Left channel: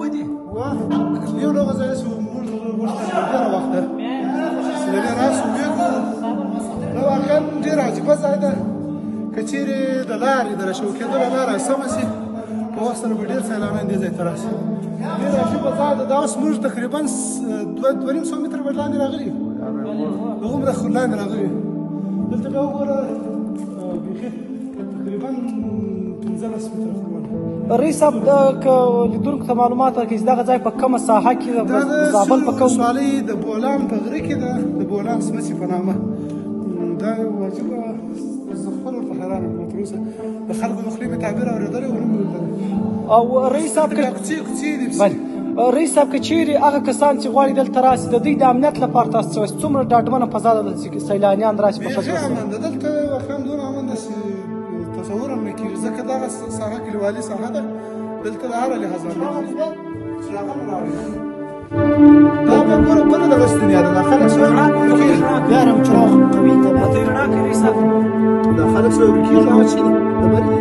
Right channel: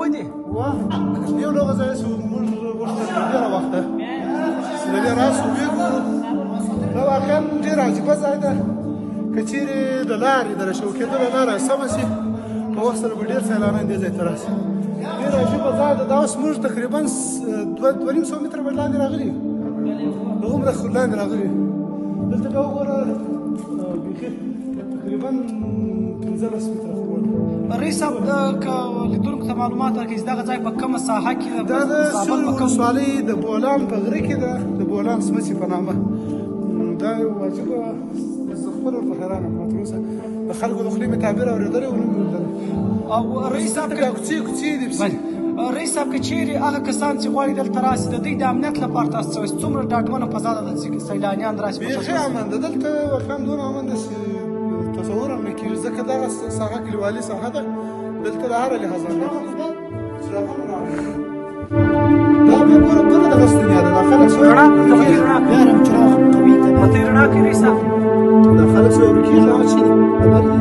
ودی یو ډول ځای شو موږ ورته ډېره وخته چې د دې راشو وګورو دا واقعا ډېر عجیبه ځای ده که چیرې د لارې د راشو کېدلو لاره سمه شي په وخت سره به ډېر سیلانیان دې ځای ته راشي ډېر عجیبه ځای ده دا اوس موږ تقریبا 250 متره به لاندې راغلي هغومره لاندې راغلي دلته بیا وګوره بیخي تقریبا 15 متره رئیس صاحب که لیدونکو ته معلومات راکړي چې دغه ځای په کومه ساحه کې ده دا د سیند ولسوالۍ د بولان په غره کې ده د بولان سمڅې په نامه دا یو عجیبه زه خپل ورته حیران یم ما تر اوسه د خلکو د خولې مې تعبیر اورېدلی و نه مې لیدلی او رئیس صاحب کوڅې کوڅې دي رئیس صاحب که چیرې هغه کسان چې غواړي دلته راشي د دوی د امنیت لپاره تاسو څومره ډاډمنه فضا ده چې سیلانیان راشي بیخي امن ده دلته واقعا دونه امن ده چې تصور هم نه کېږي ځکه دغه ساحه کلیوالي ساحه ده دلته د هره لحاظ امنیت دا بیا ګوره دونه دغه ستنیا ده دا خلک بیا هم چراغ قوي طبیعت یې رڼا کوي رئیس صاحب دا خلک سره ورکېږي هغه چې دي خبرې دي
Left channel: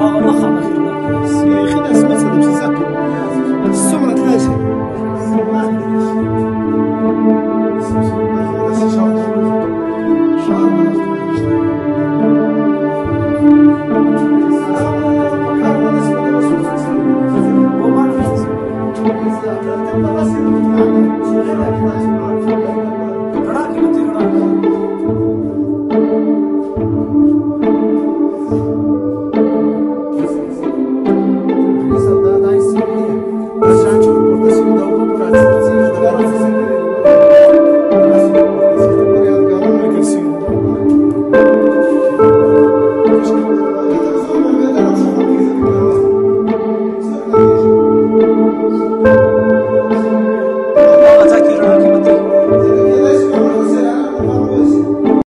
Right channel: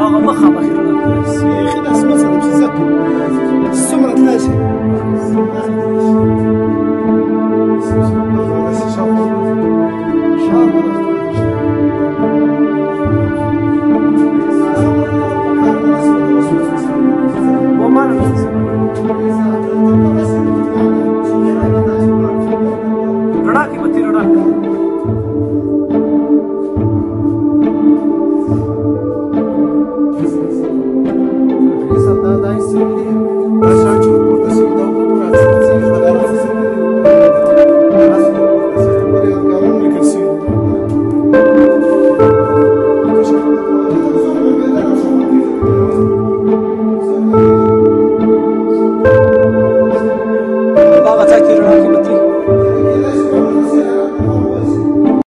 هغه مخامخ یې رڼا کوي بیخي داسې مثلا چې زه څومره تللی شي رڼا کې به تېره رڼا